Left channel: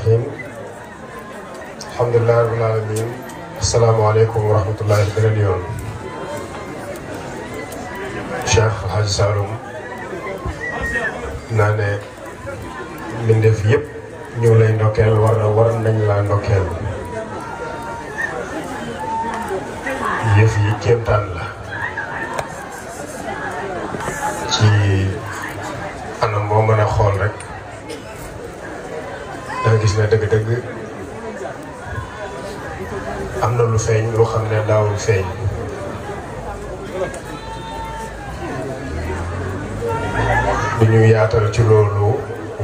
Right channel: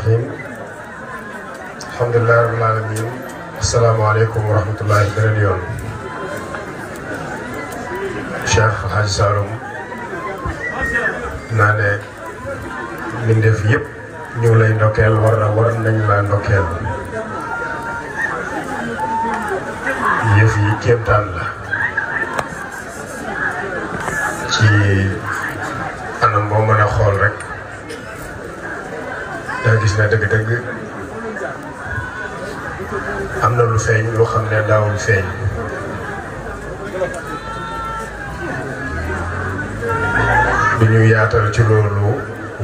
Bismillahirrahmanirrahim. Alhamdulillahi rabbil alamin. Assalamualaikum warahmatullahi wabarakatuh. Cheikh Hadji Saloum naa ne mbindeef yëpp ñu lay ndokkeel war nañ laa ndokkeel. yëf yi kéemtaan la ci anam boo mën a xool rek da gis ne dëgg-dëgg am na lu feeñ lu xam ne daawul feeñ. bi ñu yaatal ci loolu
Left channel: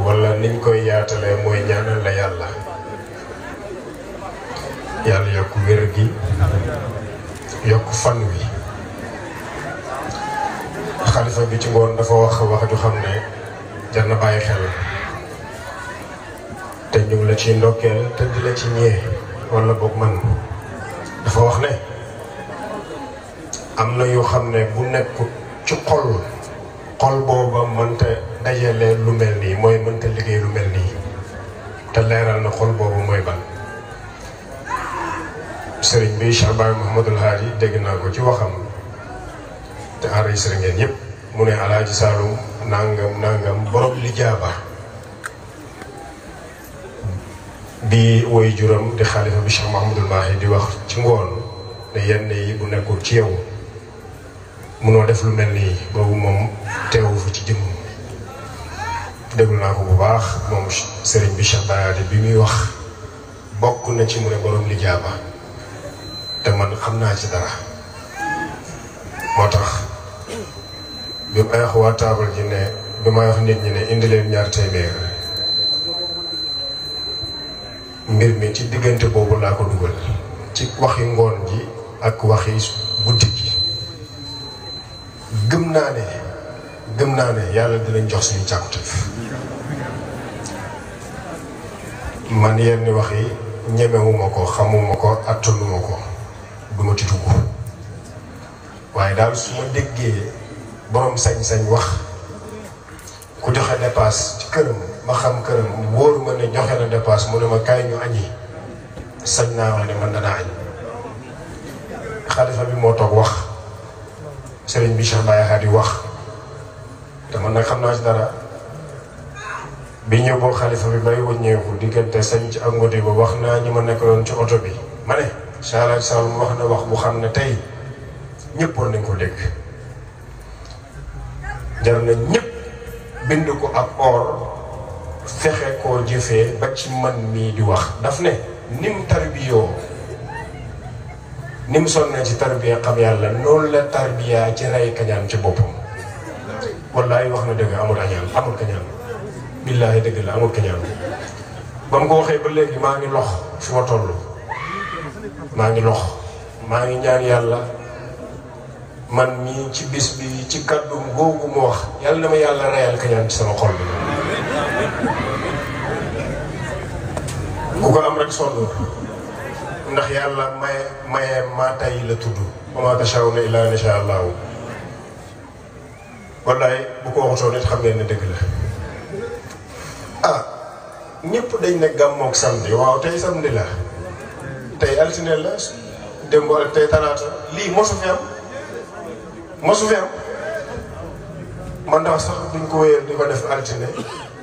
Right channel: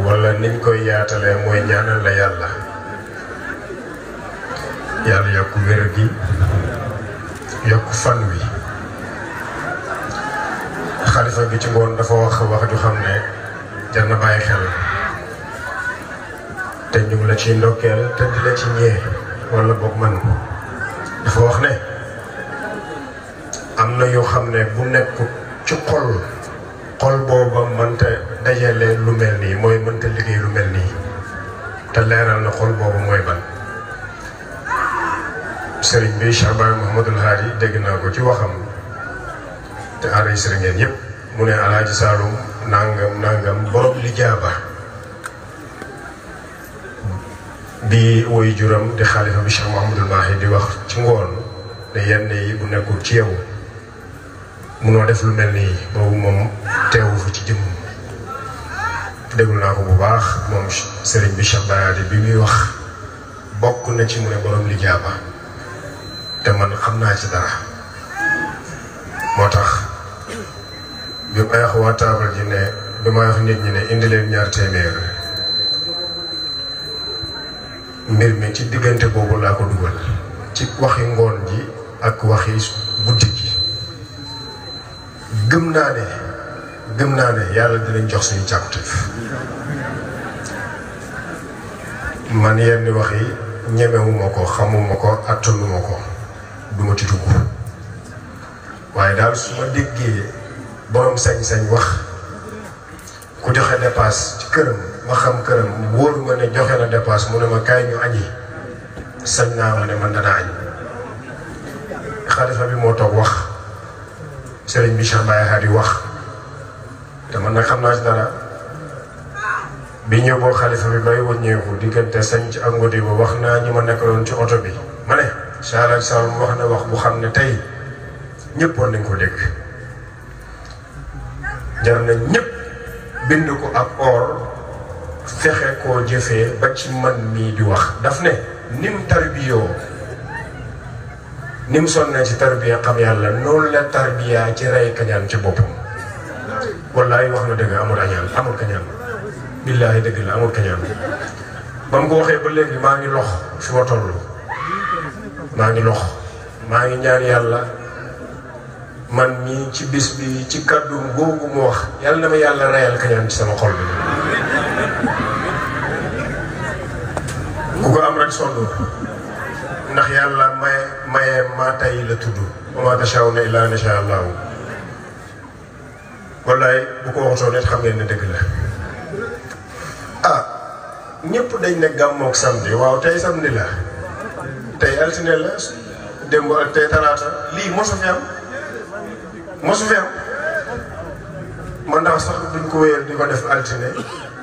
wala niñ koy yaatalee mooy ñaanal la yàlla yokk wér gi yokk fan wi. xalifa bi ci ngoon dafa wax ju xam ne jar na bàyyi xel te ñu ngi la ciy ndokkeel te di la ci ñee wala boog man dafa wax ne am na yoo xam ne bu nekk ci xol booba mënta dajale lu mel nii mooy mënta liggéey lu mel nii te leeral na xol boobu mooy ban. sëriñ bi Cheikh Baye Mouhamadul Haadi dégg naa ko ci waxam te enregistré ngeen yëpp mu ne Alaaji Saloum nangam borom lijaaba bi woy juram di xaalifa bi Cheikh Mouhamadul Mahi di wax ci ngoon ne yenn yi bu nekkul ci yow munoo def lu mel nii boobu moom teewu fa ci jëmm. déglu naa ko bu baax moom sëriñ bi Cheikh Baye bi muy wax bokk na ci mu ne borom lijaaba te man xam naa ci dara moo tax bi may wax waa taabal ji ne bi may wax nit ñi ne indi leen 2 téeméer mbir mi ci diggante boobu laa ko dugal ci waxi ngoon ji ak waxi guddi gi. gëm naa ne yàlla dinañ jox suñu càkkutéef man yenn wax yi ñemewuma ko xamuma ko attanuma ko duma ci dugg waaye daal su ma déggee borom sañ-sañ wax ku joxe dépasse ci këram ma xam këram wóor ma ne joxe na dépasse mu ne ma kaay ñu añi sañ naa wax ne man danaa añ. xalifa bi moo toog wax sëriñ bi Cheikh Baye Hadi wax te man nag xam naa ci dara bi ñëw boo xalifa bi bay wëññeeku diggante sañ ci ak ngodi ba wax naa ñi ma nekkaloon ci oto bi ma ne Cheikh Alaaji Saloum wax na wax bu xam ne tey ñëpp war nañ ko dégg. jar na ñëpp bind ko ak or fexe koo jëfee ba ci man mii di wax daf ne nim tarbiyoo nim sonnee ci tarbiya xam yàlla noonu la tarbiya ci rey kañaan ci boppam. wallaay wax na dëgg amul añaan amul kañaan billaahi dëgg la amul kañaan ba mu ko waxee ba léegi maa ngi lox fi ma toll maa ngi lox maa ngi ñaan yàlla man mii ci bis bi ci kàddu googu mu wax yàlla na ma yàlla reyal kañaan ci sama xol bi. ku ko am rek sonn ndax yàlla maye maa tay la tudd wa maa tashaa'uuna illaa an yashaa Allaahu. wallaay bu ko waxutoo nit xam ngeen ne dëgg la. ñëpp dañ ne gàmmoog samedi waaw tey samedi la tey altine la démb ak tey talaata lii mosu fi am man ndax sax duñ ko wéyal di ko def altine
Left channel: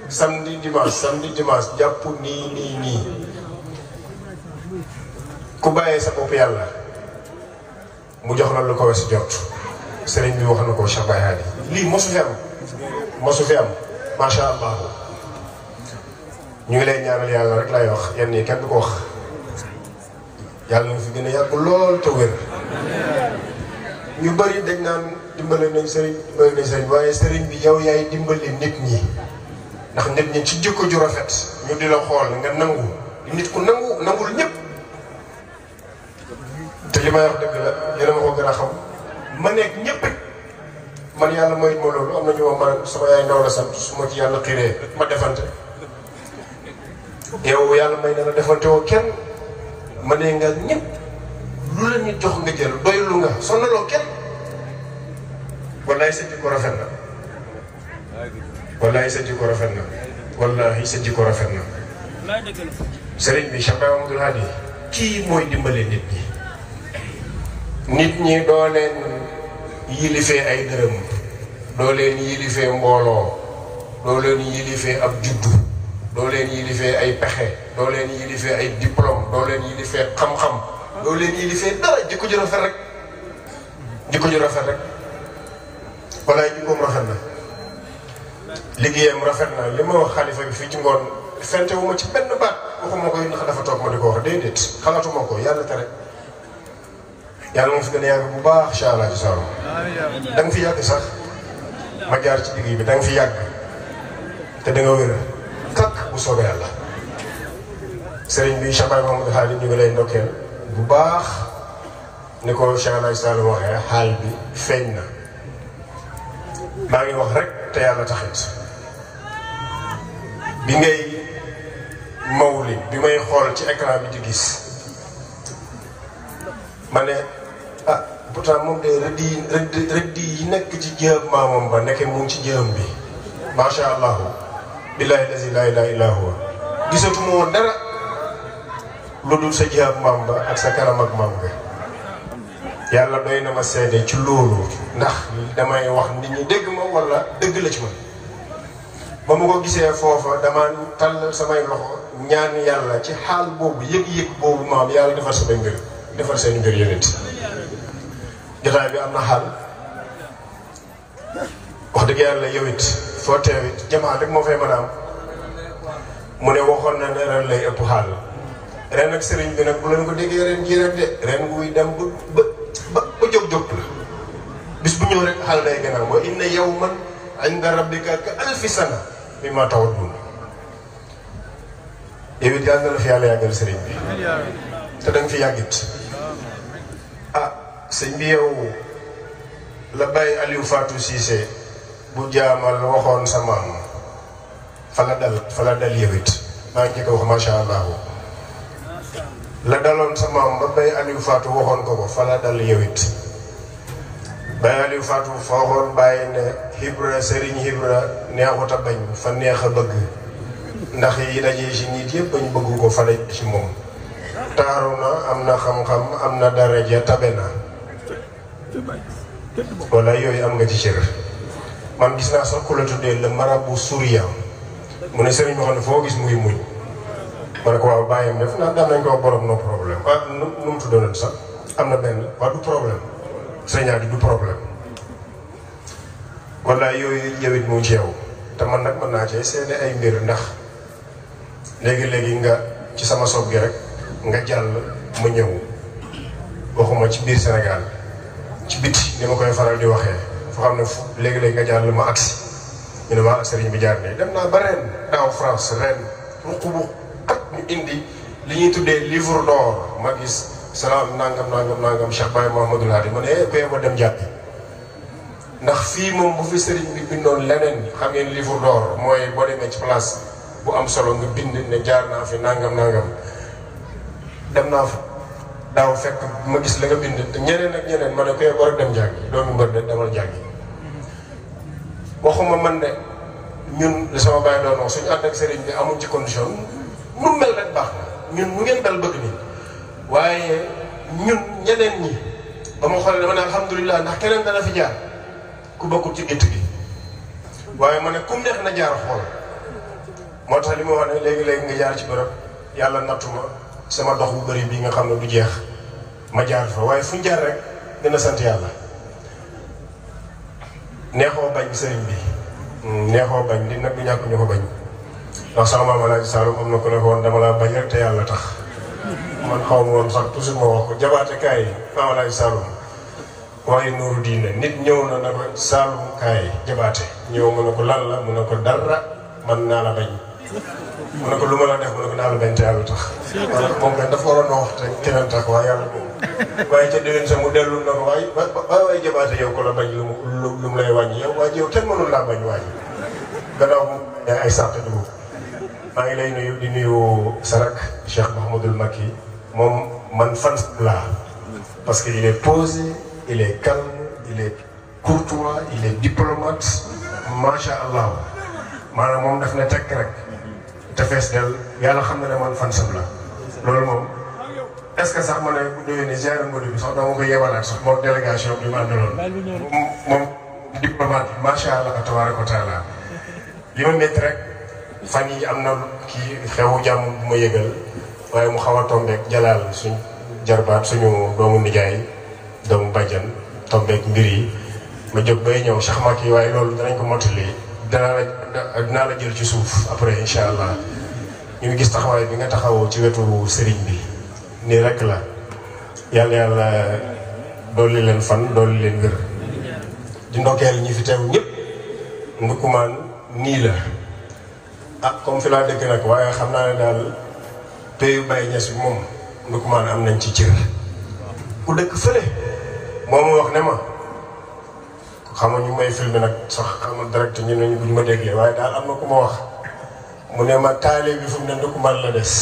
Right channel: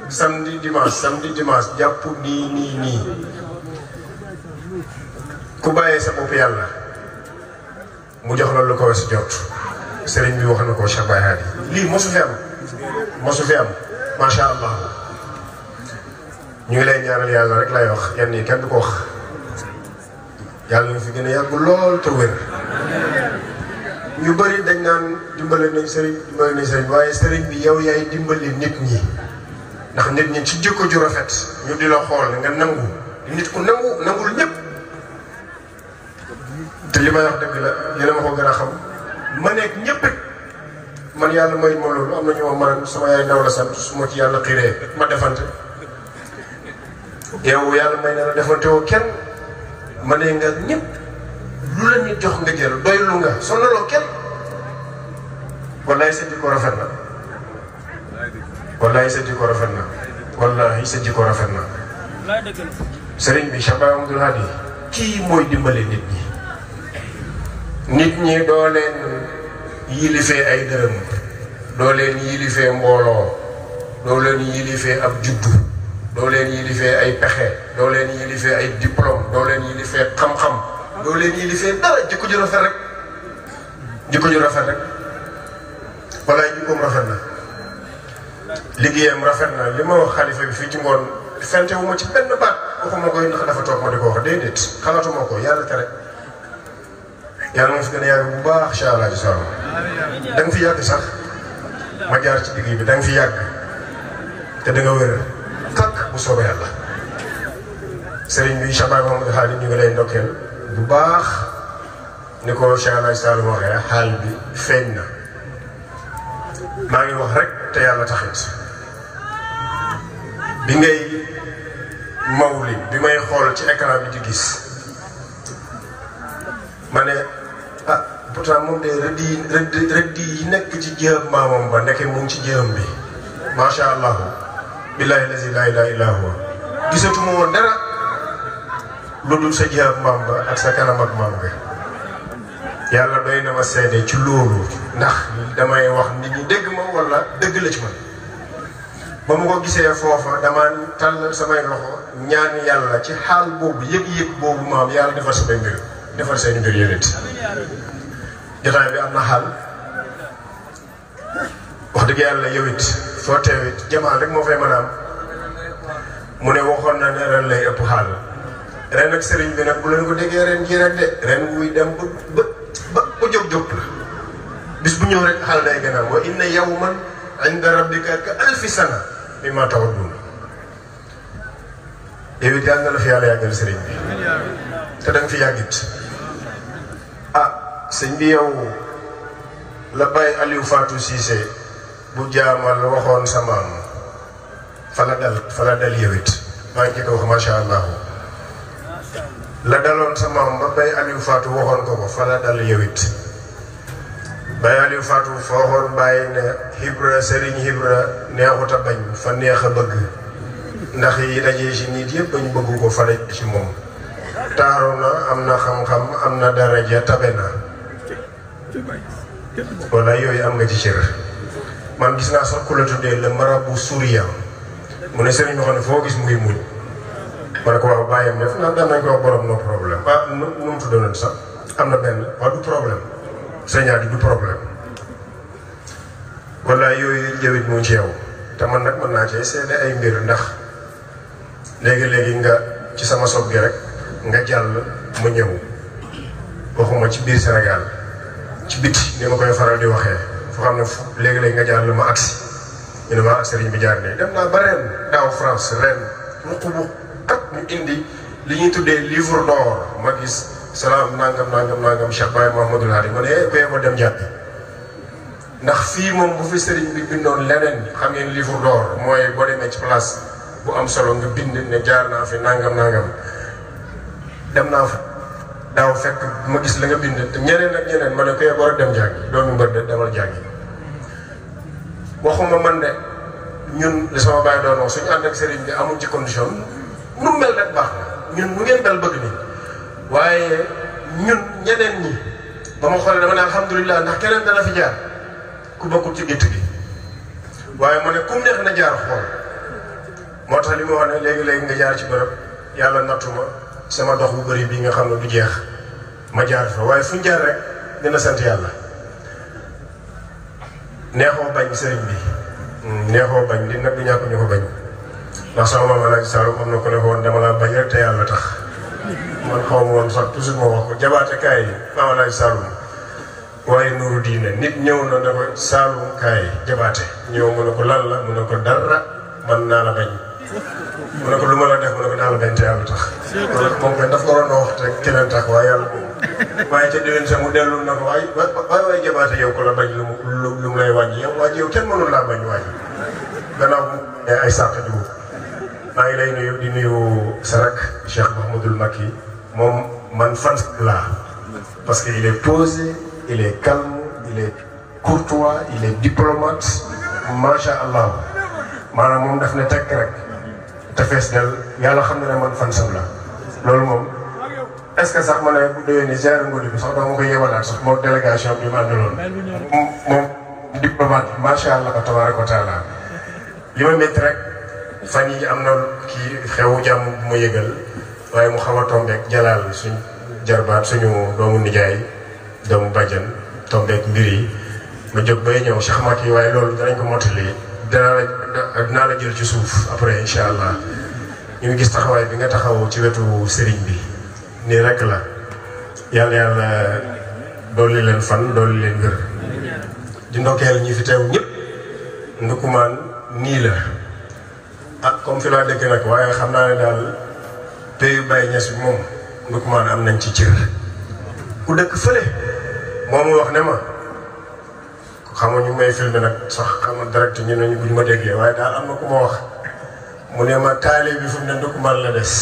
samedi dimanche jàpp nii ku bàyyee sa bopp yàlla mu jox la lu ko weesu jot. sëriñ bi wax na ko Cheikh Baye Hadi lii mosu fi am macha allah. ñu ngi lay ñaanal yàlla rek lay wax yenn yi kenn du ko wax yàlla na fi gën a yàgg lool te wér. ñu bëri dañ naan dimbale nañ sëriñ waaye sëriñ bi yow yaay dimbali nit ñi ndax nit ñi ci jikko ju rafet ñu di la xool nga nangu nit ku nangul ñëpp. te li may wax dëgg la yéen a ma ko gën a xam ma nekk ñëpp man yàlla may ma loolu am na ñu ma sama yaay ndaw la sant su ma ci yàlla xiiree ma defante. yow yàlla may na la defante woo kenn ma ne nga ñëpp lu la nit jox nga jël doylu nga sonaloo kenn. wallaay sa jikko rafet na wallahi sa jikko rafet na sëriñ bi Cheikh Mahamadul Hadi kii mooy dimbale nit ñi doo leen yilifee ay dërëm doo leen yilifee mbooloo doo leen yilifee ab juddu doo leen yilifee ay pexe doo leen yilifee ay diplôme doo leen yilifee xam-xam doo leen yilifee dara jikko ju rafet rek walaay jikkoom rafet na liggéeyam rafet na li ma wax xalifa bi fii ci ngoon fente wu ma ci benn baat waxuma koy ndax dafa toog ma di ko wax déedéet xalaatuma ko yàlla tere yàlla ma fi gën a yàgg bu baax incha allah ci soxla da nga fi yàgg sax ma jaar ci digg bi da nga fi yàgg te da nga wér kakk bu soobee yàlla sëriñ bi Cheikh Mahamadou Hadi ñu ngi lay ndokkeel bu baax ni ko Cheikh Alaaji Saliou waxee xaal bi feeñ na maa ngi wax rek te yàlla taxit bi ngay mawli bi may xool ci écran bi di gis ma ne ah pourtant moom de rëdd yi nekk ci jëëm maamam ba nekkee mu ngi ci jëëm bi macha allah billahi lazi la ilaha illa huwa gisatuma woon dara lu dul sa jëëm maam ba ak sa kanam ak maam ga yàlla doy na ma seede ci loolu ndax damay wax nit ñi dégg ma wala dëgg la ci man ba ma ko gisee foofa dama tàll samay loxo ñaan yàlla ci xaal boobu yëg-yëg boobu maam yàlla defar samay mbir defar seen mbir yéen it jotaay bi am na xaal wax dëgg yàlla yow it foo teewit jamaa rek moo fay mën a am mu ne waxoon na ne ren lay ëpp xaal ren ak sëriñ bi nag bu leen ko déggee ren jii rek de ren wuy dem ba jóg la bis bu ñëw rek xaal day gën a wa inna yawman inda rabbika ka alfi sana mimma ta'uddun yow it yàlla na la fi yàlla yàggal sëriñ bi te da nga fi yàggit ah sëñ bi yow la bàyyi Aliou Fatou Cissé bu jaamal waxoon sa maam fa la dal yow it maa ngi ko wax macha allah la daloon sa maam ba bàyyi Aliou Fatou waxoon ko fa la dal yow it bàyyi Aliou Fatou fa waxoon bàyyi ne Ibra Serigne Ibra neexut a bañ fa neex a bëgg ndax yi dajee ci nit yëpp bañ bëgg ko fa la ci moom taaru na am na xam-xam am na daraja tabe na wala yooyu am nga ci cër man gis naa sax ku la tuddee le marabout souriant mu ne sëriñ boo xam ne foo gis mu ngi muñ ma ne ko waaw bàyyam def naa daan nañ ko wax borom no problème ah nu mu tuddoon sax am na benn waaw du problème sëñaat yi du problème wala yooyu jëwit mu ci yow te man nag mën naa cee seede ay mbir ndax léegi-léegi nga ci sama soog gi rek nga jàll ma ñëw waxuma ci biir Sénégal ci biti ni ma koy faral di waxee foo xam ne léegi-léegi nga jàll ma agsi ñu ne ma ak sëriñ bi jaar nii dem naa ba ren daaw France ren ruq bu xat ñu indi li ñuy tuddee livre d'or ma gis salaam nangam Cheikh Baye Mouhamadou Hadi ma ne bee ma dem jàppi ndax fii moom bu fi sëriñ bi bindoon leneen xam ngeen livre d'or mooy boo demee ci place bu am solo nga bind ne jaar naa fi nangam dem naa fa daaw fekk ma gis la nga bind te ñeneen ak ñeneen ma ne ko war a dem jàngi doomu mbër de demal jàngi waxuma man de ñun li sama bàyyi doon wax suñu ànd ak sëriñ bi amul ci condition nu mel rek baax na ñun nu ngeen mel bëgg nii waaye ñun ñeneen ñi ba ma xoolee dama ne alhamdulilah ndax keneen dana fi jaar ku bokkul ci gétt gi waaye ma ne kum neex na jaar xool moo tax li ma wax ne léegi-léegi nga jaar ci bërëb yàlla nattu ma sama dox bu bëri bii nga xam ne du jeex ma jaar fa waaye fu ñu jaar rek dina sant yàlla neexoo bañ sëriñ bi neexoo bañ li nag du ñàkk ñu ko bañ ndax sama maam Alaaji Saalum am na ko ne ko woon dama laa bañ rek te yàlla tax man xaw ma woon sax toujours ma wax ko jabaate kaay maam Alaaji Saalum waaye nuuru diine nit ñëw na ne ko Saalum kaay jabaate ñëw mu ne ko lan la mu ne ko dara man naa la bañ mu ne ko lu ma la def mu ne ko naa la bañ te yàlla tax moom kay dafa waroon a wax te keneen tax waaye yàlla waaye ca déwén sa mu dellu na ko waaye jabaate yow ko la bañ lu mu lay wàññi yow waaye yow kenn mënul laa bañ wàññi gannaaw mu ay sàq dugub maa ngi lay nuyu di nuyu Sarak Cheikh Mouhamadoul Macky moom man fan laa parce que il est posé il est calme il est courtois il est diplomate macha allah maanaam moom daf ne tekk rek te fees del yàlla xam na ne man fan sam la loolu moom est-ce que sax ma ne déwén ni ziar ngóor bi sax dama ko yebalaat sax moom délégation bi mu àndaloon moom diplomate macha allah tabaaraka wa taala li ma métti rek fan yi am na kii xewu jàmm bu ma yëgal waaye mu xaw a tombeek jalaal suñ jarbaat suñu doomu nijaay doomu bàjjan tombeek mbir yi ma jóg bay ñëw Cheikh Macky waaye loolu danañ ko mottali dinaa la jël ci suuf après incha allah ñu ngi gis taxawaay bi nga taxaw ci wetu sëriñ bi nii rek la yàlla dolli leen fan dolli leen wér di ndokkeel ñi fi teew ñëpp ndukumaan nii la ah comme fi laa dëkk nag waaye xam naa ne daal payu Baye Niass bi moom ndukumaan am nañ ci cër ku dëkk fële moo ma wax ne ma xam nga ñu may filmé nag sax xam nga direct ñu ne ñu ma déggee waaye daal am na ku ma wax mu ne ma taale bi fu mu ne ndukumaan la des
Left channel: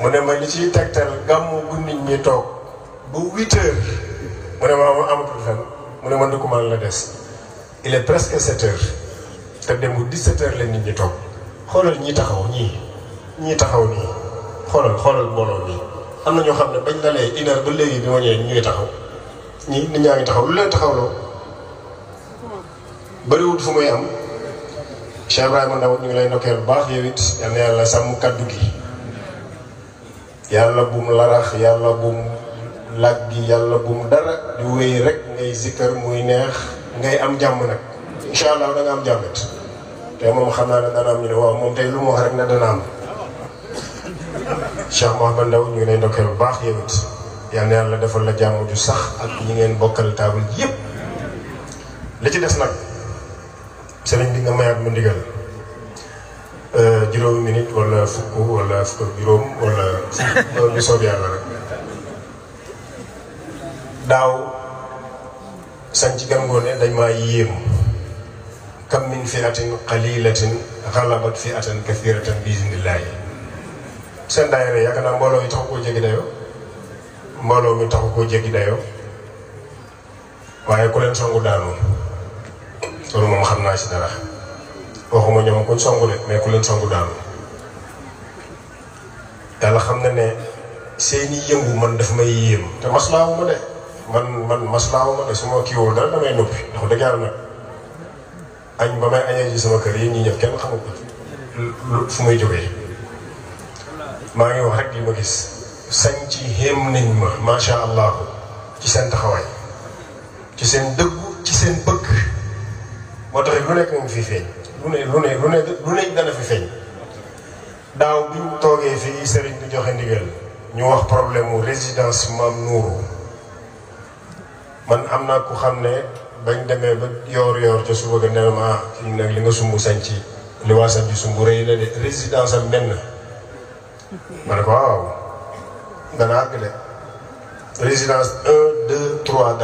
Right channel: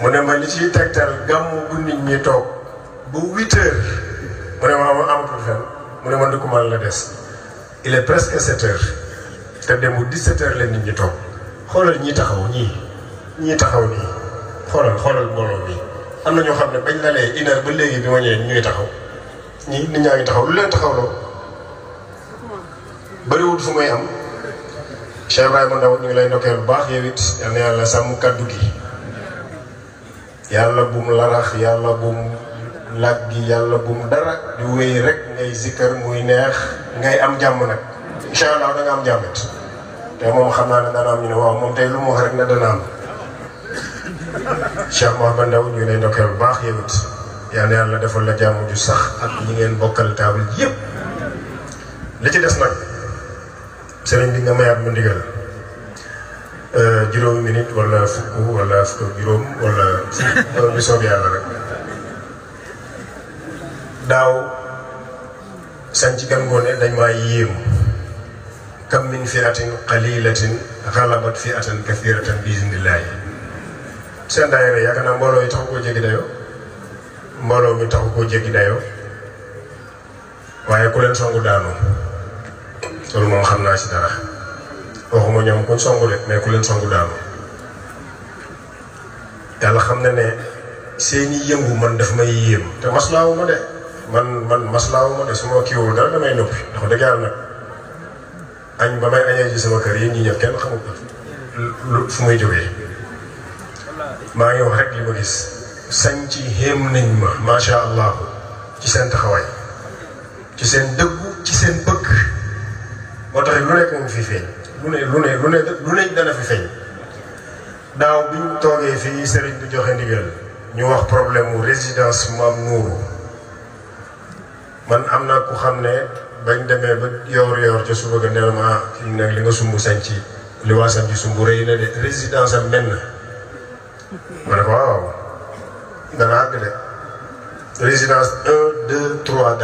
mu ne ma li ciy tegtal gàmmu bu nit ñi toog bu 8 heures mu ne ma amatul fen mu ne ma ndukumaan la des il est presque 7 heures te démb 17 heures la nit ñi toog xoolal ñi taxaw ñii taxaw nii xoolal mbooloo mi am na ñoo xam ne bañ la lee 1 heure ba léegi bi ma ñëwee ñuy taxaw ñii nit ñaa ngi taxaw lu leen taxawloo bëriwul fu muy am Cheikh Ibrahima Ndaw ñu ngi lay ndokkeel bu baax yow it yal na yàlla sàmm kaddu gi yàlla bum larax yàlla bum laggi yàlla bum dara di wéy rek ngay zikkar muy neex ngay am jàmm nag incha allah da nga am jàmmit te moom xam naa ne dana am ñu ne waaw moom tey lu mu wax rek ne dana am Cheikh Mouhamed Ndaw ñu ngi lay ndokkeel bu baax yow it yal na yàlla defal la jàmm ju sax ak ñi ngeen bokkal taabal yëpp li ci des nag sëriñ bi nga mayaat ma ndigal juróomi minute wala fukk wala fukk juróom wala lu soob yàlla rek daaw sañ ci gangoone dañ maa yéem kam min fi'atin qalilatin ghalabat fi'atan kathiratan bi iznillaahi seen daayira yaakaar naa mbooloo yi taxu koo jéggi dayoo mbooloo mi taxu koo jéggi dayoo waaye ku leen songu daanu loolu moom xam naa ci dara waxuma ñoom kuñ songu de mais ku leen songu daanu yàlla xam na ne seeni yëngu man daf may yéem te maslaawu ma de man maslaawu ma de su ma kiiwul dara damay noppi ndax dëgg yàlla nag añ ba may añee ji sama kër yi ñi ñëw kenn xamul lu fu muy jógee maa ngi wax rek li ma gis sañ ci xéem nañ ma macha allah ci seen taxawaay ci seen dëggu ci seen bëgg moo tax lu nekk nga fi feeñ lu ne dana fi feeñ daaw bi ñu toogee fii sëriñ bi joxe ndigal ñu wax problème mu résidence Maam Nuuru man am naa ku xam ne bañ demee ba yoor ca suba ga ne ma kii nag li nga sumb sañ ci li waa sañ ci sumb rëy na de résidence am menn ma ne ko waaw dana àgg de résidence 1 2 3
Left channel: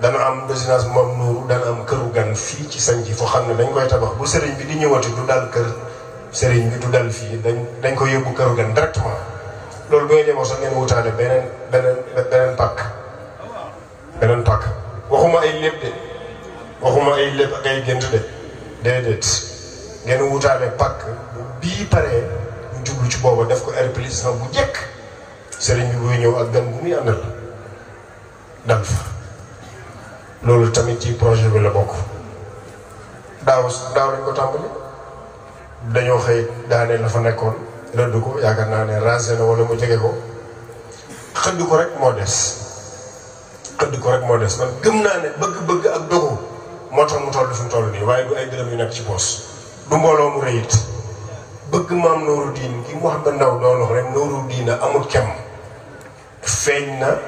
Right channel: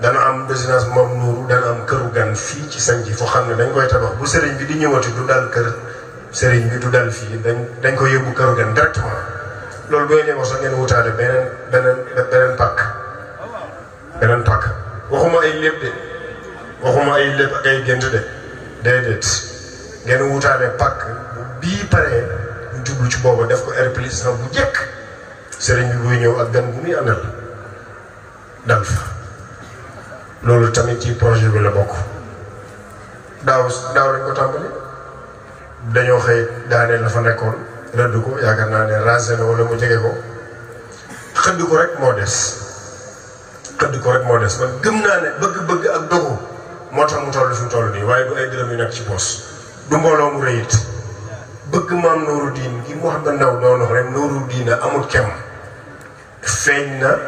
dana am résidence Maam Nuuru dana am këru gan fii ci sañ ci foo xam ne dañ koy tabax bu sëriñ bi di ñëwati du dal kër sëriñ bi du dal fii dañ ko yóbbu këru gan directement loolu bu ngeen demoo sax ngeen wutaale beneen pàkk waxuma ay lépp de waxuma ay lépp ak ay gént de déedéet ngeen wutaale pàkk bii paree ñu jublu ci booba def ko air plus bu jekk sëriñ bi buy ñëw ak gan bu muy àndal dal fa loolu tamit ci projet bi la bokk daaw dañ ko tàmbali dañoo xëy daanee la fa nekkoon rëdd ko yaakaar naa ne rasé na wala mu jege ko xëdd ko rek moo des man gëm naa ne bëgg-bëgg ak dogu moo tax mu toll fi mu toll nii waaye du ay dërëm yu nekk ci poos du mbooloo mu rëyit bëgg Maam Nuuru Diin gi Mouhamed Ndaw doon wax rek Nuuru Diin amul kem feeñ na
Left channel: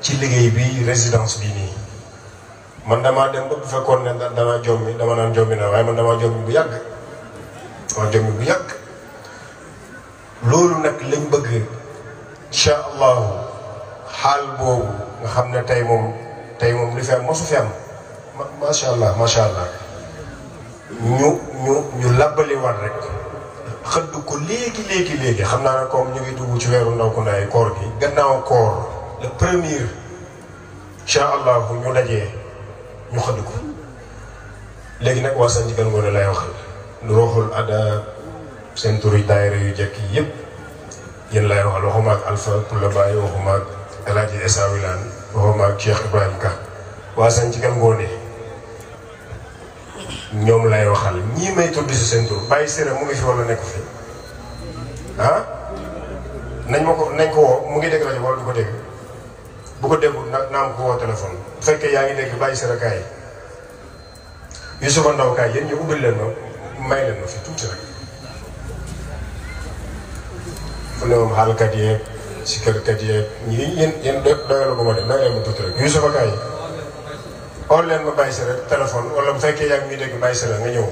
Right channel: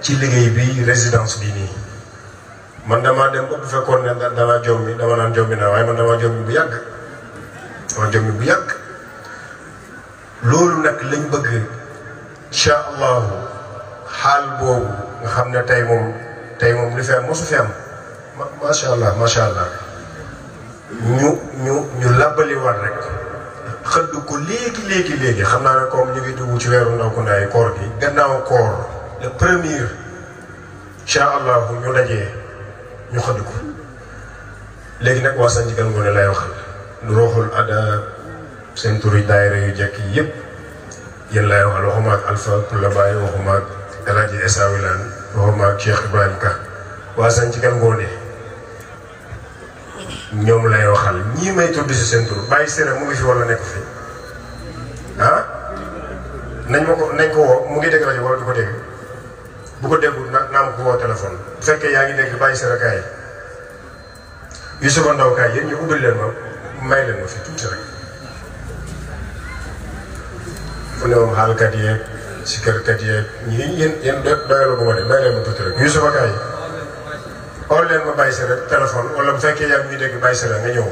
ci liggéey bi résidence bi nii man damaa dem ba bu fekkoon ne danaa jommi dama naan jommi naa waaye man damaa jommi bu yàgg loolu nag lañ bëgg incha allahu xaal boobu nga xam ne tey moom li fi am mosu fi am macha allah ñu labbaliwaat rek xëdd ko léegi xam naa ne comme ñu ngi dugg ci weeru ndaw ku ndaay koor gi gannaaw koor le premier incha allahu ñu dajee ñu xëdd ko léegi nag waa Santhie Kane Ngoné lay waxal nu roxul ada seen turi daayira yu jekk yëpp yéen lay waxal waxuma ak Alpha Kula Baye waxuma ak El Hadji Essa Wilane waxuma ak Cheikh Ibrahima Ka waa sañ ci kan ngoone ñoom lay waxal ñii may tudd si seen tur Baye Séré mu ngi fi wala nekk fi ah nañ ko woo mu ngi dégg rajo wala du ko dégg bu ko déggul naa ma ko woo téléphone bu fekkee yaa ngi dégg Baye Séré kaay Youssoufa Ndaw kaay yéen ñu ubbil leen ma may leen ma fi tuuti rek fu ne moom xaalkat yeeg sikkarkat yeeg ñi yéen doyal ko ma de may leen ma tuuti rek Youssoufa kaay xool leen ma Baye Séré téléphone wala bu fekkee yaa ngi ñuy dégg Baye Séré nga ñëw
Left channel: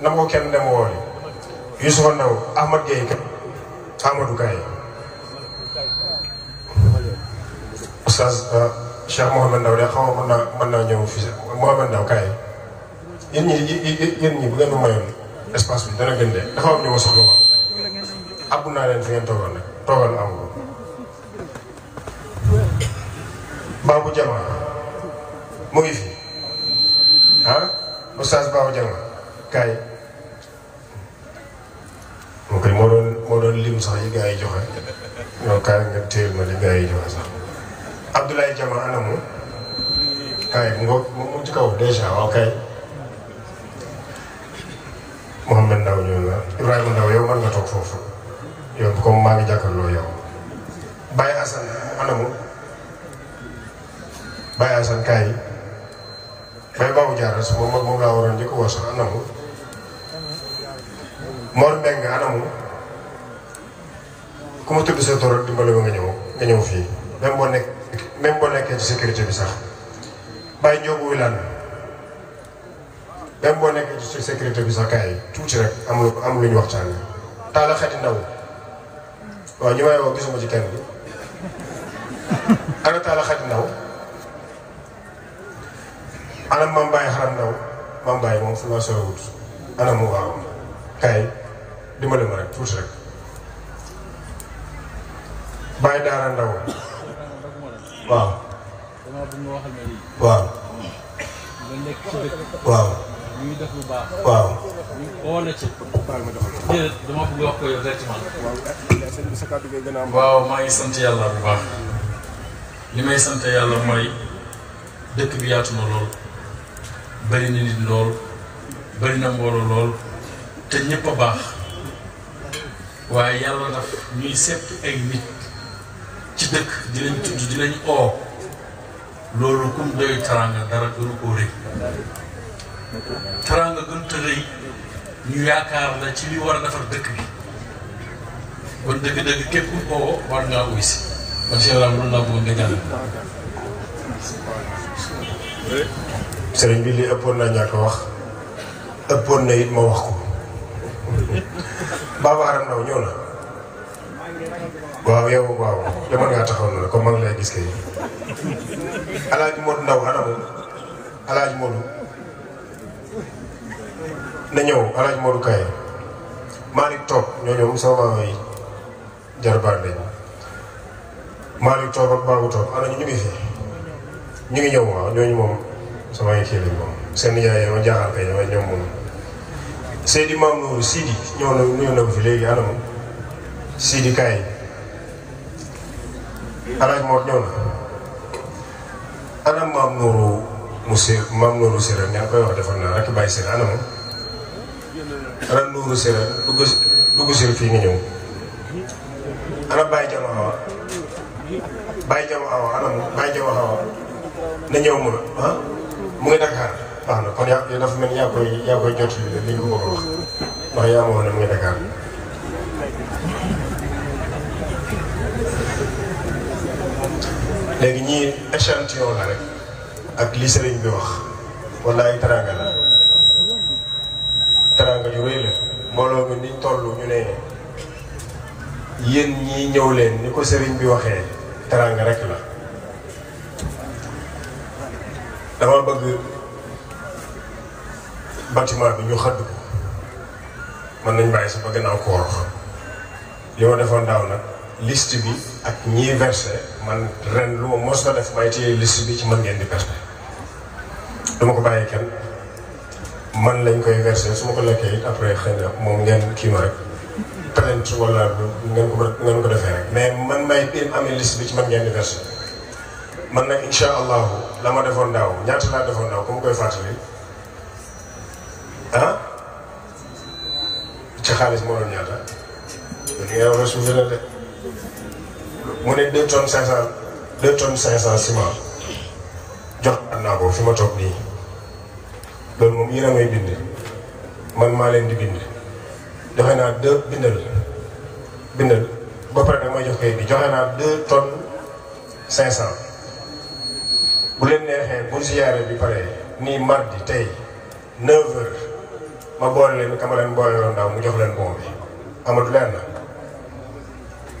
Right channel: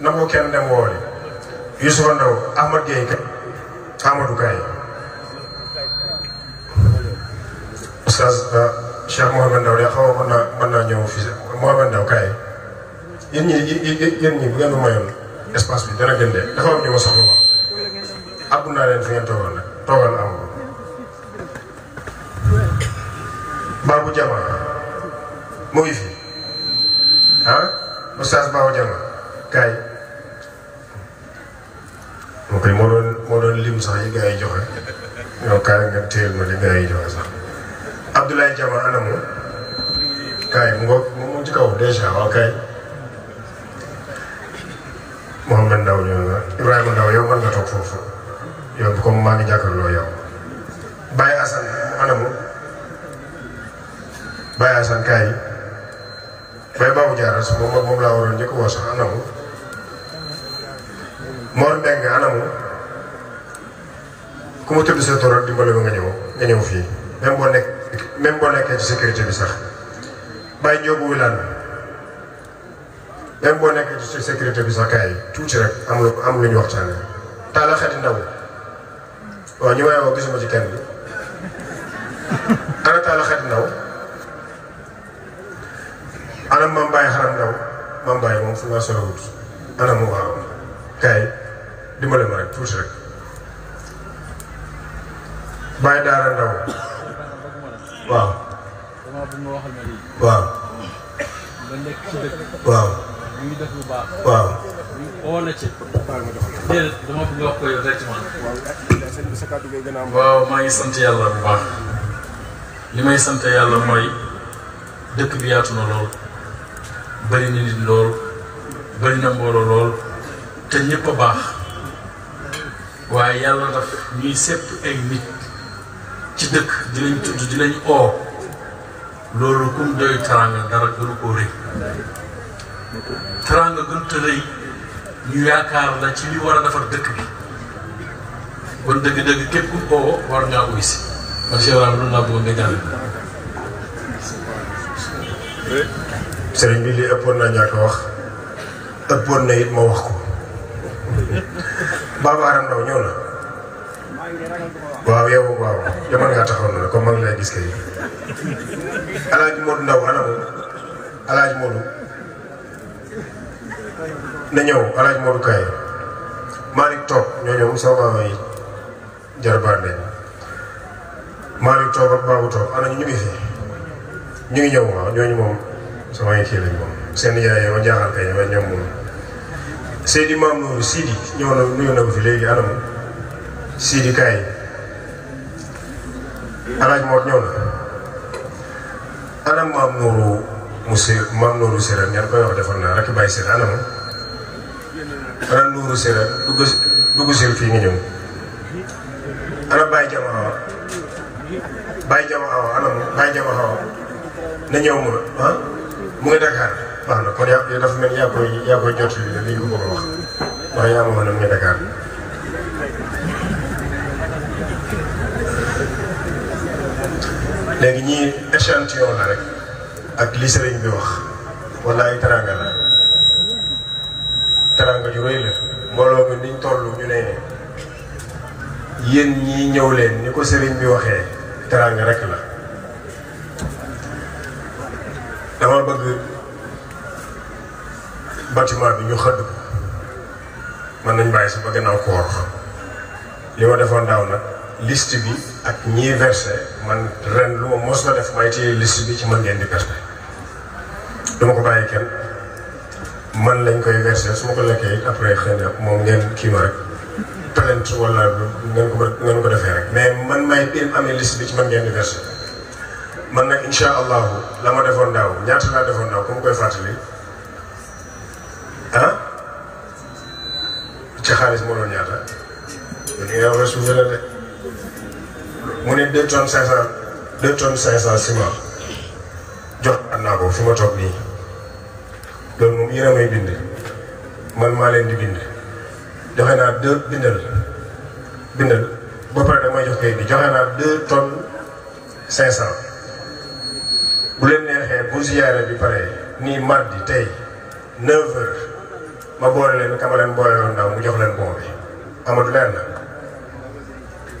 na ko kenn dem woole Youssoufa Ndaw Ahmad Gueye kaay Amadou kaay Oustaz Cheikh Mouhamed Ndaw de xaw ma mën naa ñëw fii Mouhamed Ndaw kaay yéen ñi bu ngeen ma mayoon espace bi dana gën de dafa am ñu ma soxla woon abbu naa leen fi ngeen toogal nag toogal am ko Babou Jama mu ngi fi ah Oustaz Babou Jama kaay moo koy moo doon lim sax yi gars yi joxe yow kaay nga téyel ma li gars yi joxe sax Abdoulaye Jama anamu kaay mu ci kaw dèjà waaw kaay Mouhamed Ndaw ñëw nga Ibrahima Ndaw yow mën nga toog foofu yow comme maa ngi jàkkaarloo yow Baye Assane anamu Baye Assane kaay Baye Babou Diarra su moom laa waroon njëkk woo sax anamu Mor Mbeng anamu ku ma tudd sa tool dimbale ba nga ñëw fii même boo nekkee ci sécurité bi sax Baye Ndiobu Wilane même boo nekkee ci sécurité bi sax kaay tuuti rek am lu ñu waxtaane Talla Xadi Ndaw waaw ñu may woo gisuma ci kenn bi ana Talla Xadi Ndaw ana Mame Baye Xaram Ndaw Mame Baye moom fu laa solowut ana mu waaw kaay dimbale ma rek tuuti rek Baye Daara Ndaw waaw waaw waaw ñu ngi def lu baax. waaw. oo na ci. déedéet dama bëgg wax ko yow directement. waaw maa ngi sant yàlla bu baax. li may sant yàlla mooy dëkk bi yaatu na lool. bëri na nit lool. bëri na mbooloo lool. te ñëpp a baax. waaye yàlla daf ñuy sepp ay nit ci dëkk di lañ tudd di lañ oo. loolu kum doy teraanga dara gënu koo rëy. teraanga gën te rëy ñu yaakaar la ci li war a defar dëkk bi kon dëgg-dëgg képp ku ko war ngaa uy si man Cheikh Ibrahima noonu laa bëggoon nga jàll. sëriñ bi li ëppoon naa ñàkk wax ëppoon na it ma wax ko Baba Aram Ndaw ñëw na waaw yow waaw dama ngaa taxaw na comme man lay gis kay Alaaji Modou Ndaw anamu Alaaji Modou na ñëw Alaaji Modou Kaye Malick toog ñoo ñëw sama maama yi jarbaat lañ Malick toog ak Babou toog ana ñu ngi fi ñu ngi ñëw waaw ñooñu moom sama ay kii lañ moom seen yaay yow jaaxal kay ñoom moom Seydi Maam Nourou Sidi ñëw na nuyu na ko fi léegi anam Sidi Kaye Alaaji Modou ñëw na anam Maam Nourou Maam Nourou Séré ñaan koy wax defal naa rek bàyyi Séré anam ana Nourou Séré dugg sil fii nga ñëw ana Baye Jama Awa Baye Jama Awa anam Baye Jama Awa na ñëw ma ah mu ngi Dakar baax na kon yaa dafa mel yaa koy jot li ñu ko bëgg a wax ndax yaa ma wax ne mu ngi Dakar léegi ñii échantillon la rek ak li sëriñ bi wax wala ay teranga la teranga ju rëy la mbooloo mi niñ toll ñu ne yéen ñii ñëw leen ni ko sëriñ bi waxee teranga rek la dama bëgg bâtiment bi ñu xëdd ko mën nañ bàyyi si ba gannaaw koor li ma defoon daaw nag liste bi ak ñii versé man ren lu ma mos na def may téye liste bi ci man ngeen di perte dama ko bàyyi kenn man lañ koy versé su ma ko lekkee it après xëy na moom ngeen kii ma rek plainte wala ngeen ko defee rek mais man may amee liste bi ci man ngeen di versé man nag incha allahu la ma defoon daaw ñaata laa defoon daaw ku ma koy fàttali ah ci xaalis moo doon ñaata li nga wax suuf la de mu ne 2 tonnes 500 ciment jox naa ko fi ma toog nii loolu moom yéen a may bind man maa leen di bind joxe naa 2 bindal ba pare damay jox kayit bi joxe naa 2 tonnes 500 bu leen neexee bu ziyaare bi pare nii mardi tey 9h ma boole leen kama leen boole woon daaw mu jox leen bon bi amatu leer na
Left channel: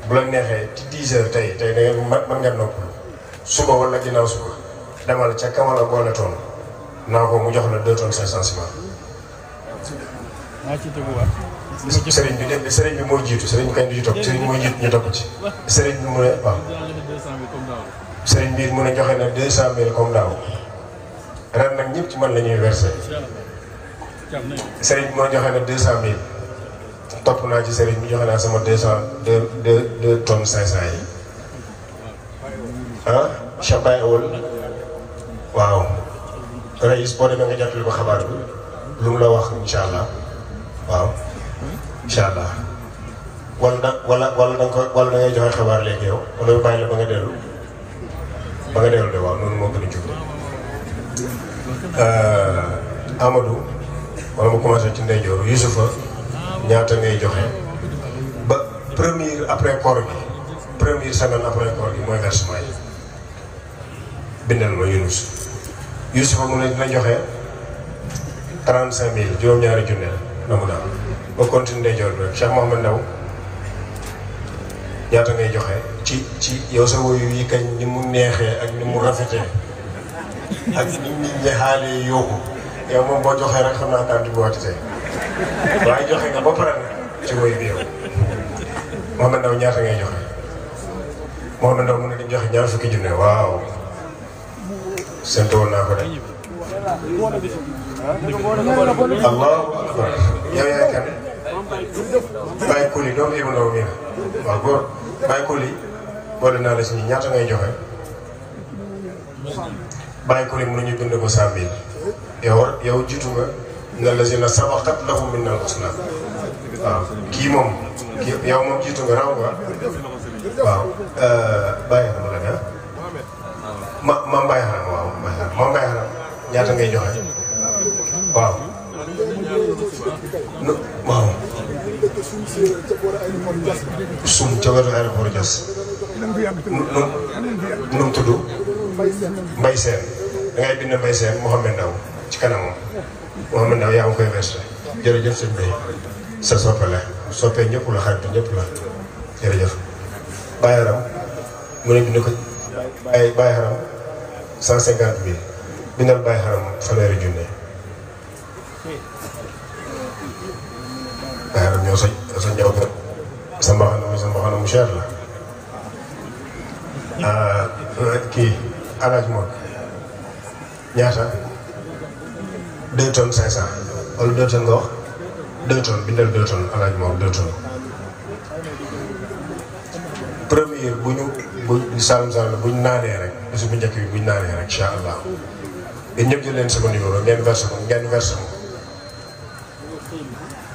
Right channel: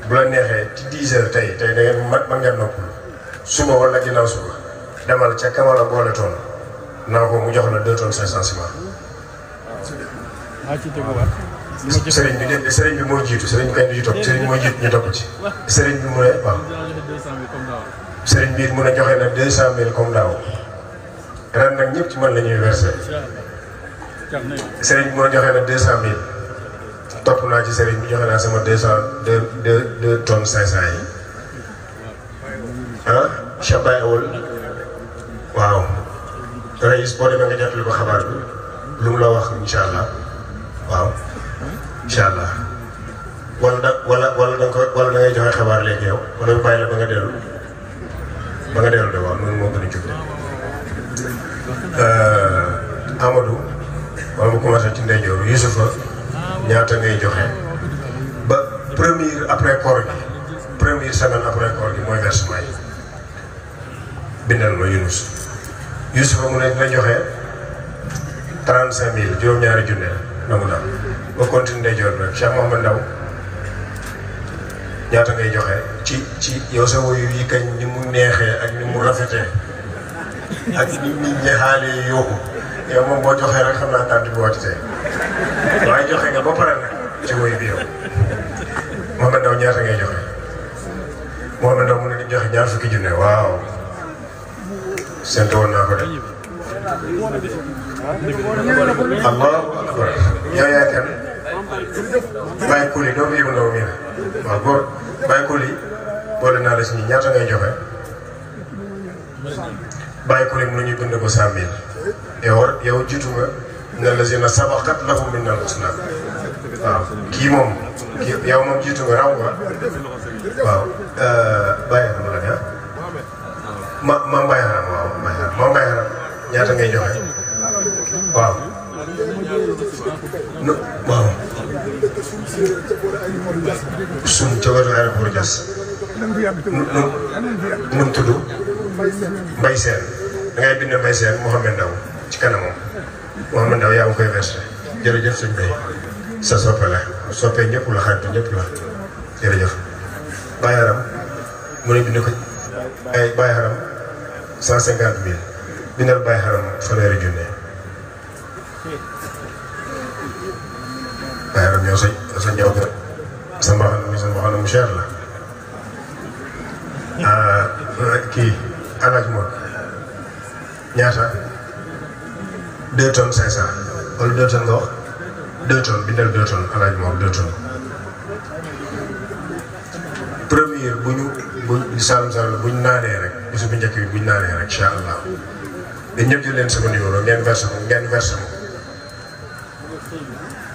bu la neexee ci 10h tey da ngeen mën ngeen noppalu suba wala ginnaaw suba demal ca kama la boole toon naa ko mu jox la 2 tonnes 500 ciment. sëriñ bi dégg sëriñ bi mooy jiitu sëriñ bi kañ du ci topp sëriñ mooy jiitu ñu topp ci. sëriñ bi mu ne waaw. sëriñ bi mu ne joxe na 200.000 comme daaw ren nag ñëpp ci man la ñuy versé. sëriñ bi mu ne joxe na 200.000 topp naa ci sëriñ bi joxe naa sama 2 tonnes 500 yi. ah Cheikh Baye Awol waaw. Rayis boo demee nga jàppale ko xabaar bi lu mu la wax incha allah waaw incha allah wala da ngay joxe xabaar léegi yow wala ñu bàyyi la ba nga dellu de waaw noonu moo gën a jub Amadou wala mu commencé ci ndeyjoor Youssoufa ñaata ngay joxe ba première après koor gi première semaine après koor gi mooy versement yi bindal ma Youssoufa mu ne dina joxe 35.000 juróom-ñaari junne la mu daal ba continue ndeyjoor bi rek Cheikh Mouhamed Ndaw ñaata ngay joxe ci yow sa woyu yi kañ ni mu neexee ak ni mu rafetee ak ni nit ñi xaalee yóbbu yow moom boo joxee rek xam naa tànn bi wàcc tey waaye joxe nga ba pare nag ci woyu bi yow Mouhamed Ndaw ñaata ngay joxe Mouhamed Ndaw mu ne di joxe ñaar fukki junne waaw séntu woon naa ko de. Allah yow yaay kan Baye Kouli doomu Ibou Ndaw mii la waaw góor Baye Kouli boole naa la si ñi ñaata ngay joxe Baye Kouli mu ne ñu bind ko 100.000 yow jiitu nga ne la si na sabaqat lahum minnal husnaa waaw kii moom yow moom jiitu nga raw nga waaw Baye Haram la ne ma Baye Haram waaw Baye Haram ñaata ngay joxe waaw. waaw. suñ ca wetu aéroport Diass. nu mu tudd. Mbaye Sène da ngay bind Mbaye Sène Mouhamed Ndaw ci kanamam. Mouhamed Ndaw yaa ngi koy versé jërëjëf sëñ Bay sa soppe la soppe ñëpp la xarit ñëpp la jërëjëf. Baye Haram mu ne bind ko Baye Haram 150.000 bindal Baye Haram fanweeri junne. Baye Haram ñëw sa ñëw ga sa mbaxana mu cher la. kii alaaj moom ñaata 2 tonnes 500 wala 2 tonnes nga wax 2 tonnes bindal 2 tonnes alaaj moom 2 tonnes. première bu Saalum bu ñu naanee rek bisu bu njëkk bi bu ñu naanee rek incha allah dañ ñëpp jël leen sama numéro ngeen versé ko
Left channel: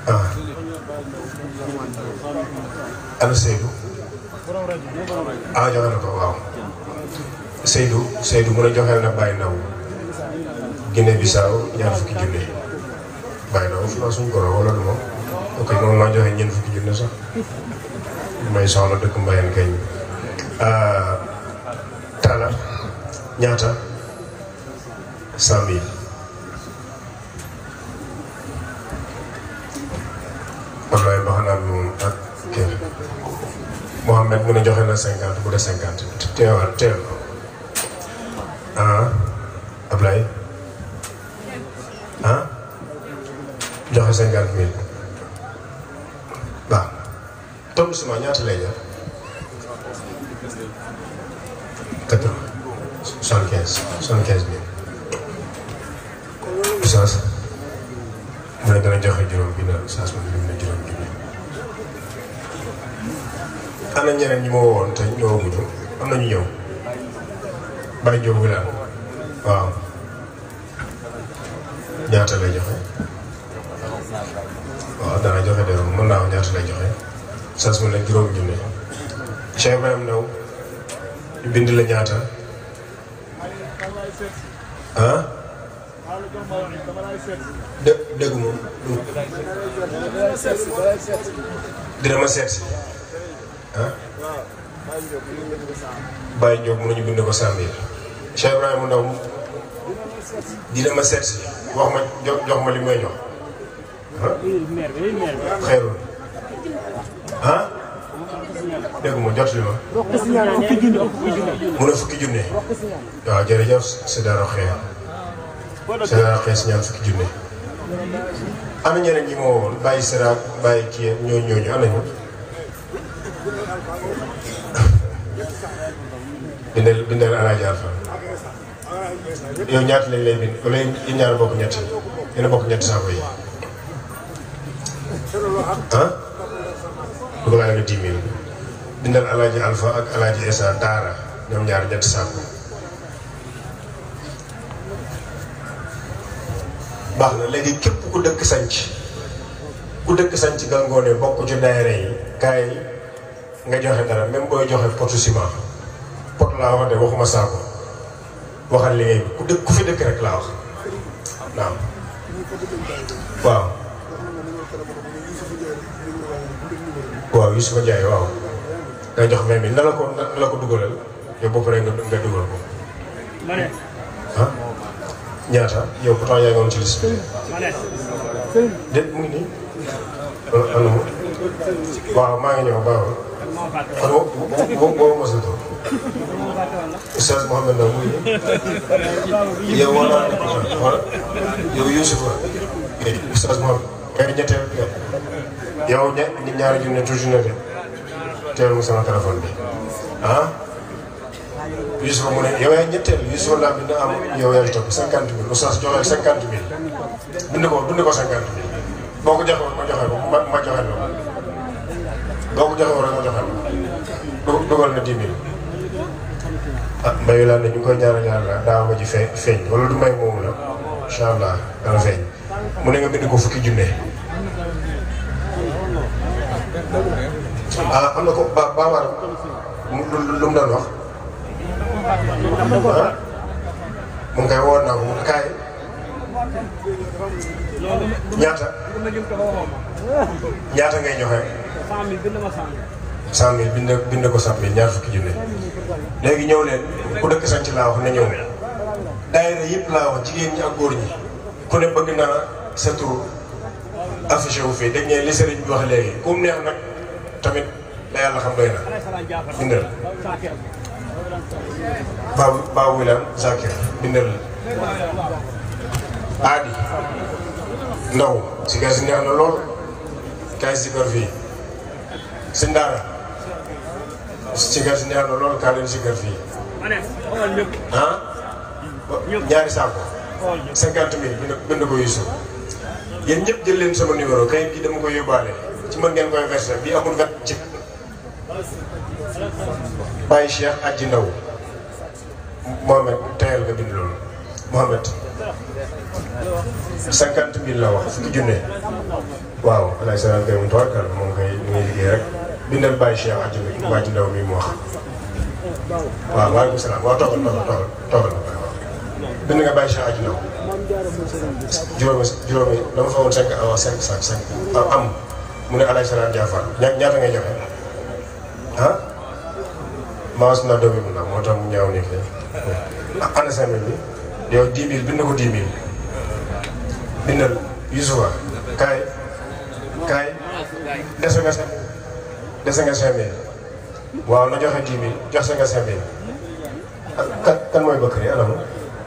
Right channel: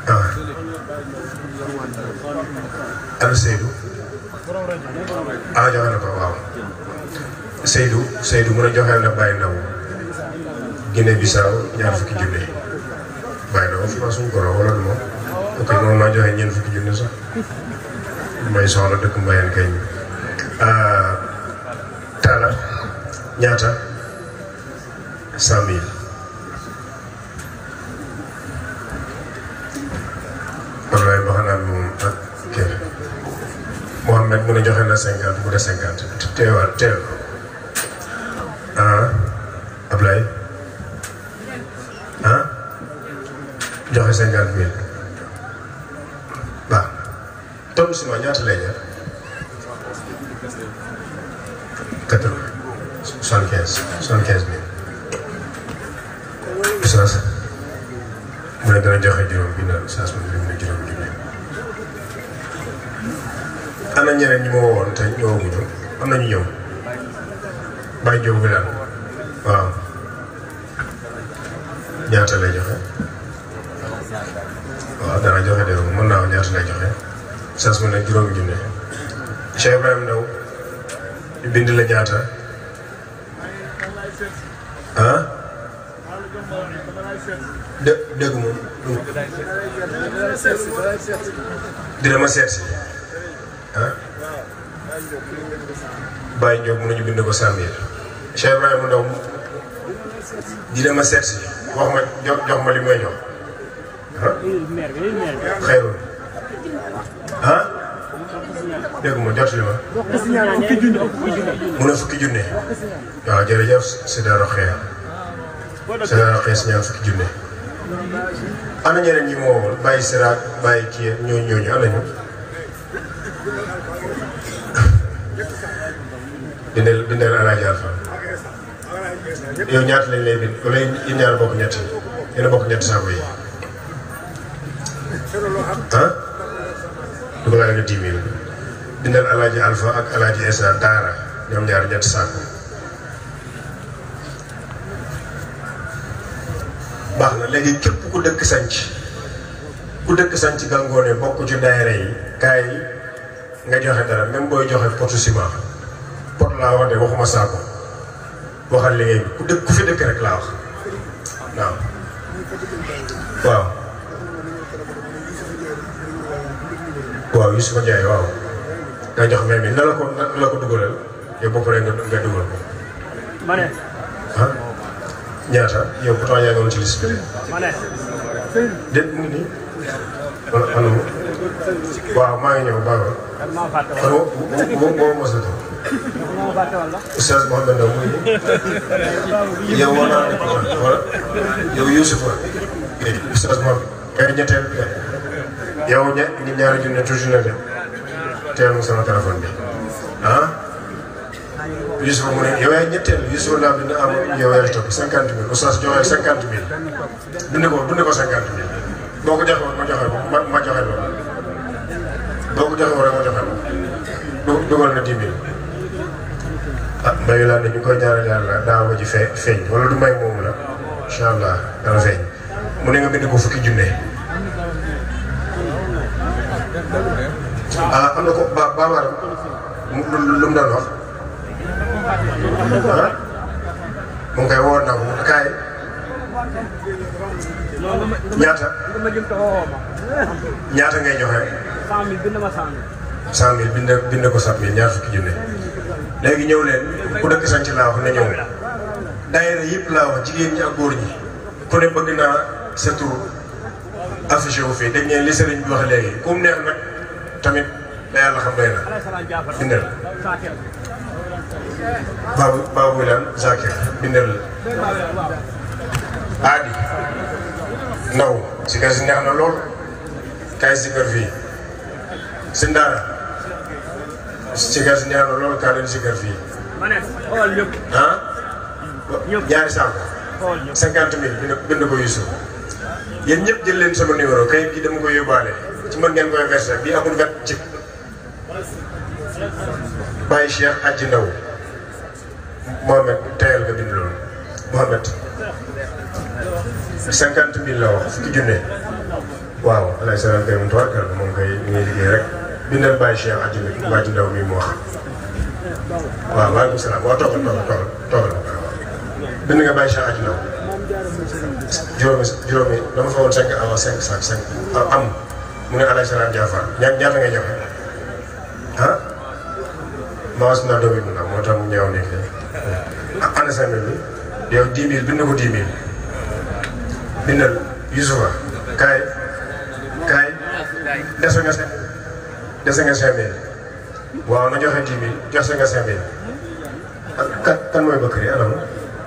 ah. ana Seydou ah joxe na ko waaw Seydou mën a joxeel na Baye Ndaw Guinée Bissau ñaar fukki junne yi Baye Ndaw fi suñ goro wala du moom ok moom naa joxe ñeent fukki junne sax may soxla dëkk Mbayeen kañ Talla ñaata 100.000 Ablaye Baxanaan moom ak kër Mouhamed mu ne joxe na 50 bu dee 50 teel Ablaye joxe 50.000 waaw tonne ciment ñaata lay jar 75.000 Oustaz mu ne dana joxe juróom bi naan Oustaz moom lim na juróom junne ana ñeneen ñi ma woon te ñëwaguñu am na ñu ñëw Baye Diop bi daal waaw ñaata lay joxe waaw dana joxe de mën naa wax ñaata lay joxe sas mu ne juróomi junne Cheikh Ibrahima Ndaw ñu bind la ñaata ah dégg moom dina ma seet si ah Baye Diop mën nañu bind ko 100 000 Cheikh Ibrahima Ndaw dina ma seet si wax ma jox ma li may jox ah xeeru ah dégg ma jot li ma mu ne fukki junne waaw jërëjëf si daaro xeer si daaro xeer si ñaan fukki junne ana ñeneen ñi moo woon bàyyi siraat bàyyi kii ñooñu ana ñu bindal Alaaji Alfa yow ñaata lañ lay bind wala yéen ñaar bokk ñetti yéen a bokk ñetti saako yi ah dugalaa nga 10 000 bindal Alaaji Alfa ak Alaaji Essa Daara ñoom ñaar ñetti saako baax na léegi képp ku dëkk sanc Gangoné bokk ci daayira yi kaay nga joxe dara même booy joxe potu ciment pot laa wax de waxuma saako waxal liggéey bi ku fi dëkk rek laa wax waaw waaw Youssoufa Ndiaye waaw nga jox même bi na la ko dugalal yow bopp rek nga dugal ko ah ñaata yow pourtant yaa ngi woon ci liste bi déet mu ngi nii waaw maa ngi ñëw baaxul kon boo mos a toog Oustaz Mouhamed Ndaw mu ngi nii yow war naa wala yow Youssoufa Oustaz Mouhamed kay ñetteel yow ñaari junne toujours na de teel mu sama téléphone bi ah Youssoufa mu ne yow yaay ñetteel Youssoufa laa bind am yow yaay topp 50 000 Oustaz joxeel 50 000 bind ko 50 000 boo ko joxee ma joxe ko ma joxe loolu boo ko joxee rek ma joxe ko dugal na 10 000 ah mbayu laa ne ñu koy ñaanal yàlla daaw ma ji feeñ wala du may moomu la incha allah dana feeñ mu ne nga bind ko fukki junne ah am na ko Babacar lu mu daan wax mu ngi koy woon naa ko kaay ñaata ngay joxe 100 000 bind ko 100 000 ñaar fukki junne léegi ñëw leen ku dëkk sanc laa wax na ñëw daayira yëpp laa wax jigéen ñi ak góor ñi ku ne bëgg naa sa tur affiché wu fii dégg ngeen li sëriñ bi wax léegi ku mu neex nag tamit la yàlla xam doy na bindal Babou Wilane Zakir bindal Adi Ndaw sikar si neex na lool kay sikar fii si Ndaara sikar si neex na lool kaa leen sikar fii ah ñaari saako 50 000 bind ko Youssouf yéen ñëpp jël leen sama numéro kayit gi dama koy yóbbaale ci mën ngeen koy versé bii amul vet ci Baye Cheikh Adji Ndaw Mohamed teyal nga bind loolu Mohamed 50 000 la wax fukki junne waaw alay salaam kay mu toog moom kay mu ngi liggéey rek bindal Baye Cheikh Adji Ndaw mi mu wax waaw waaleykum salaam waaw toogal bind nga Baye Cheikh Adji Ndaw juróomi dama fa woon 5 avant 5 sac 5 am mu ne alay salaam Jaafar ñaata ngay joxe ah maas naa doomi bu ndaw moo tax mu ñëw nekk ana 5 000 bi yow 10 000 bind ko 10 000 bindal Youssoufa kaay dese nga 5 000 waaw na joxe 10 000 joxe nga 5 000 kan mooy Bakary anam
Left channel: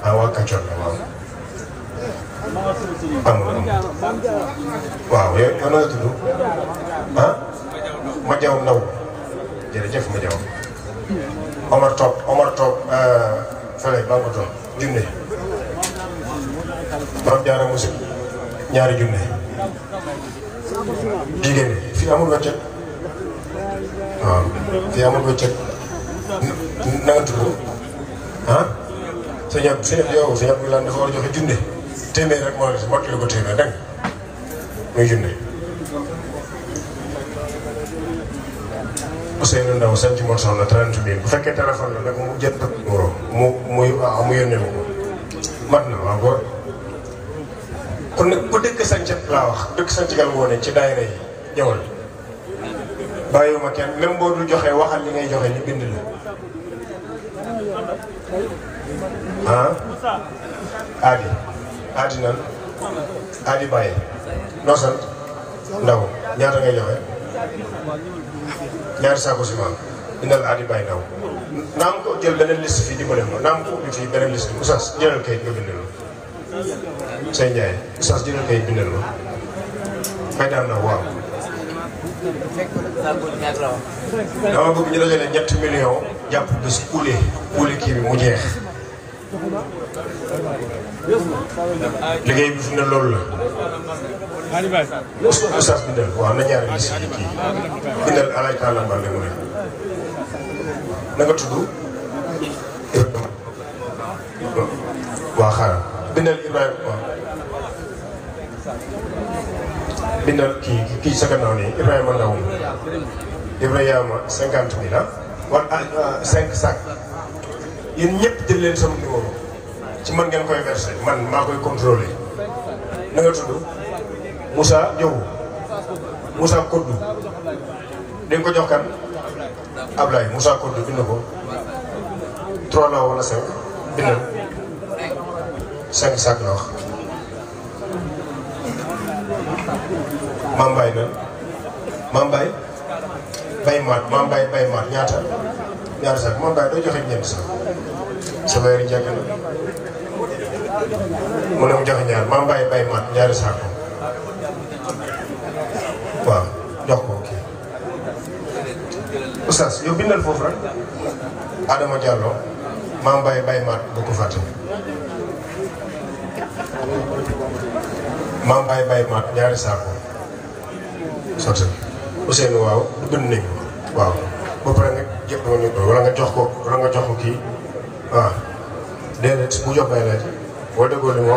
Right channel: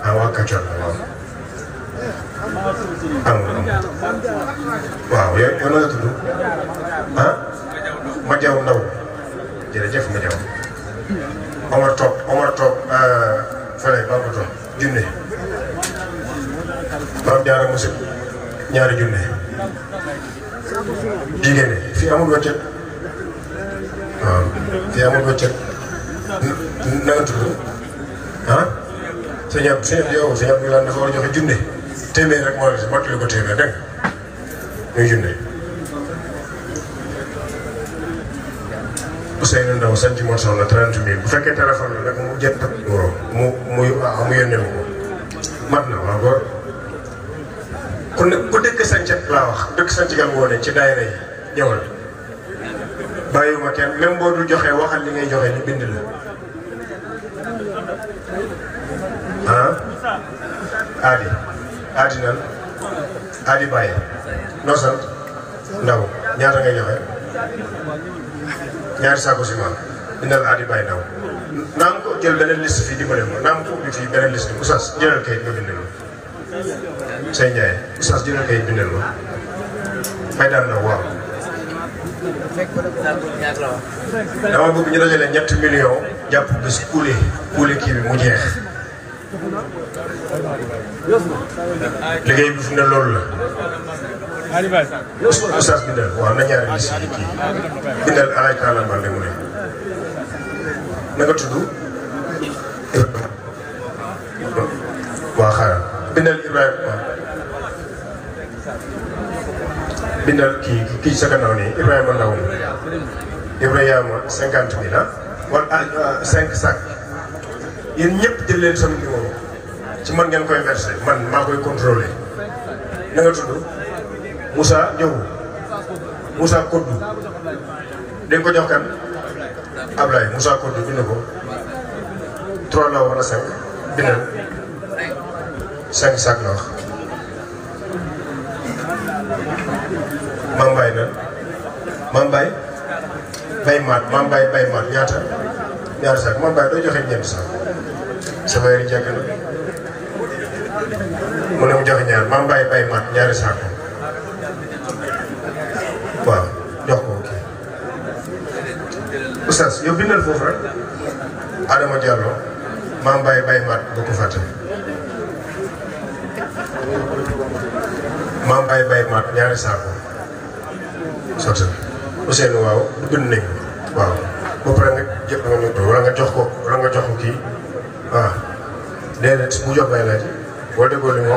ah waa Kacoor la waaw waaw yow na nga tudd ah ma jaw ndaw jërëjëf ma jaw Omar Top fële maa ko toog junne maam jaara musul ñaari junne jigéen ñi fii amul wàccet waaw fii amul ko cëg na nga tudd ah sëñ yow sëñ Abdoulaye dafa war a joxe junne téeméer rek moo la si mottali ko téeméer dégg nga muy junne Ousseynou Ndaw sanc moo soxla 30 000 bu fekkee téléphone la nag mu jënd numéro mu yónnee ma ko mat na waaw ko kon nag ku dëkk sanc laa wax dëkk sanc gal woone ci daayira yi ñëwal bàyyiwuma kenn même boo dul joxee waxal li ngay joxe ñu bind la aadi nan aadi bàyyi noo sant ndaw ñaata ngay joxe ñaari saako ciment bindal aadi bàyyi ndaw naam ko jël beneen liste fii dimbale ma naam ko ubbi fii beneen liste Oustaz jëlal kayit nga bindal ma Sey Ndiaye Oustaz jëlal kayit bindal ma may daan ndaw waaw dama bëgg ñu dajale 3 millions jàpp bés kuule kii bi mu jeex liggéey bi fi ne loolu la Oustaz bindal waaw na ñaari liste yi kii bindal alaaj Talla Mbalde mu ne na nga tudd waaw xaaral bindal Ibrahima bindal kii sa gannaaw nii Ibrahima Ndaw Ibrahima 50 000 wala 5 sacs yéen ñëpp jël leen sama numéro ci man ngeen koy versé man maa koy contrôlé na nga tudd Moussa Diouf Moussa Koddu dañ ko jox kan Ablaye Moussa Koddu bind ko 3 la wala 5 bindal 5 sacs la wax Mame Mbaye nan Mame Mbaye bay maat ñaata ñaari saak Mame Mbaye doo joxe ñeent saak sama yëri jàgg na mu ne mu joxe ñaar Mame Mbaye bay maat ñaari saak waaw jox ko kii Oustaz yow bindal foofu rek Adama Diallo Mame Mbaye bay maat bu ko fàtte Mame Mbaye bay maat ñaari saako sotti Ousseynou waaw bind nañ ko waaw ba pare nga jëpp nga ñu wala nga jox ko kii waaw déedéet bu jox bay laaj wala déggoo li mu wax